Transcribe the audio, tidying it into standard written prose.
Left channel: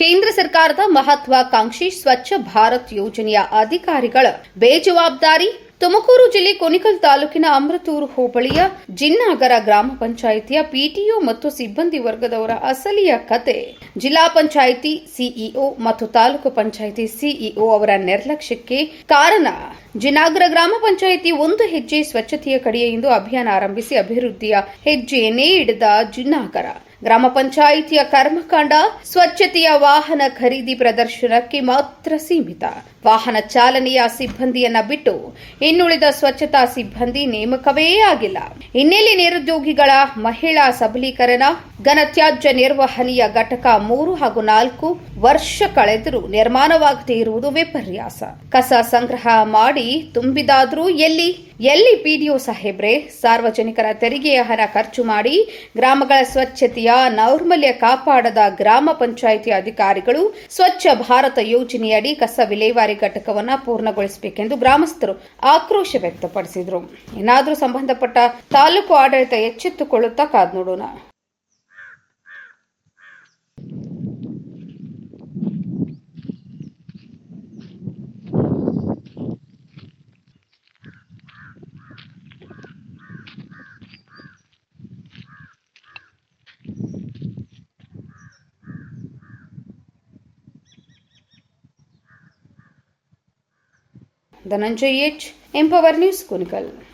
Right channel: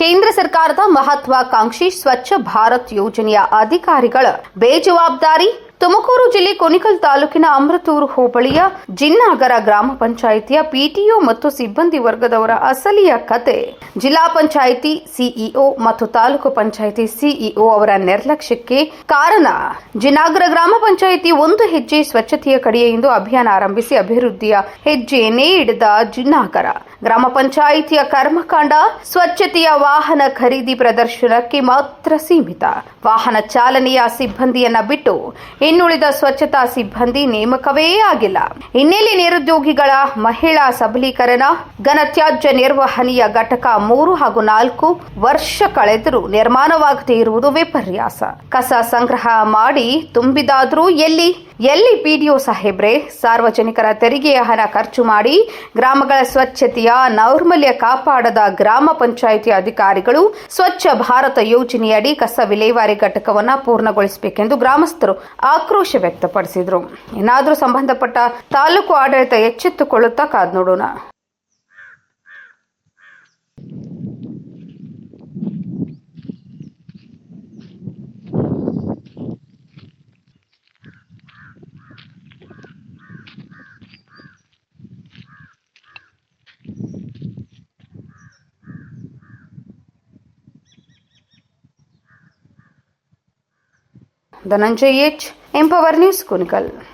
ಕೇಂದ್ರ ಸರ್ಕಾರದ ಮಹತ್ವಾಕಾಂಕ್ಷಿ ಸ್ವಚ್ಛ ಭಾರತ್ ಯೋಜನೆಯ ಅಧಿಕಾರಿಗಳ ಬೇಜವಾಬ್ದಾರಿ. ತುಮಕೂರು ಜಿಲ್ಲೆ ಕುಣಿಗಲ್ ತಾಲೂಕಿನ ಅಮೃತೂರು ಹೋಬಳಿಯ ಜಿನ್ನಾಗರ ಗ್ರಾಮ ಪಂಚಾಯಿತಿಯ ಪಿಟಿಒ ಮತ್ತು ಸಿಬ್ಬಂದಿ ವರ್ಗದವರ ಅಸಲಿಯ ಕತೆ. ಜಿಲ್ಲಾ ಪಂಚಾಯಿತಿ ಸಿಇಒ ಮತ್ತು ತಾಲೂಕು ಪಂಚಾಯಿತಿ ಸಿಇಒ ಅವರ ನಿರ್ಲಕ್ಷ್ಯಕ್ಕೆ ಕಾರಣ. ಜಿನ್ನಾಗರ ಗ್ರಾಮ ಪಂಚಾಯಿತಿ ಒಂದು ಹೆಜ್ಜೆ ಸ್ವಚ್ಛತೆಯ ಕಡೆಯಿಂದ ಅಭಿಯಾನ ಆರಂಭಿಸಿ ಅಭಿವೃದ್ಧಿಯ ಹೆಜ್ಜೆಯನ್ನೇ ಇಡಿದ ಜಿನ್ನಾಗರ ಗ್ರಾಮ ಪಂಚಾಯಿತಿಯ ಕರ್ಮಕಾಂಡ ಸ್ವಚ್ಛತೆಯ ವಾಹನ ಖರೀದಿ ಪ್ರದರ್ಶನಕ್ಕೆ ಮಾತ್ರ ಸೀಮಿತ. ವಾಹನ ಚಾಲನೆಯ ಸಿಬ್ಬಂದಿಯನ್ನ ಬಿಟ್ಟು ಇನ್ನುಳಿದ ಸ್ವಚ್ಛತಾ ಸಿಬ್ಬಂದಿ ನೇಮಕವೇ ಆಗಿಲ್ಲ. ಇನ್ನೆಲ್ಲಿ ನಿರುದ್ಯೋಗಿಗಳ ಮಹಿಳಾ ಸಬಲೀಕರಣ? ಘನತ್ಯಾಜ್ಯ ನಿರ್ವಹಣೆಯ ಘಟಕ 3 ಹಾಗೂ 4 ವರ್ಷ ಕಳೆದರೂ ನಿರ್ಮಾಣವಾಗದೇ ಇರುವುದು ವಿಪರ್ಯಾಸ. ಕಸ ಸಂಗ್ರಹ ಮಾಡಿ ತುಂಬಿದಾದ್ರೂ ಎಲ್ಲಿ ಪಿಡಿಒ ಸಾಹೇಬ್ರೆ? ಸಾರ್ವಜನಿಕರ ತೆರಿಗೆಯ ಹಣ ಖರ್ಚು ಮಾಡಿ ಗ್ರಾಮಗಳ ಸ್ವಚ್ಛತೆಯ ನೈರ್ಮಲ್ಯ ಕಾಪಾಡದ ಗ್ರಾಮ ಪಂಚಾಯಿತಿ ಅಧಿಕಾರಿಗಳು ಸ್ವಚ್ಛ ಭಾರತ ಯೋಜನೆಯಡಿ ಕಸ ವಿಲೇವಾರಿ ಘಟಕವನ್ನು ಪೂರ್ಣಗೊಳಿಸಬೇಕೆಂದು ಗ್ರಾಮಸ್ಥರು ಆಕ್ರೋಶ ವ್ಯಕ್ತಪಡಿಸಿದರು. ಏನಾದರೂ ಸಂಬಂಧಪಟ್ಟ ತಾಲೂಕು ಆಡಳಿತ ಎಚ್ಚೆತ್ತುಕೊಳ್ಳುತ್ತಾ ಕಾದು ನೋಡೋಣ. Dhananjaya H, empower news, Kunigal.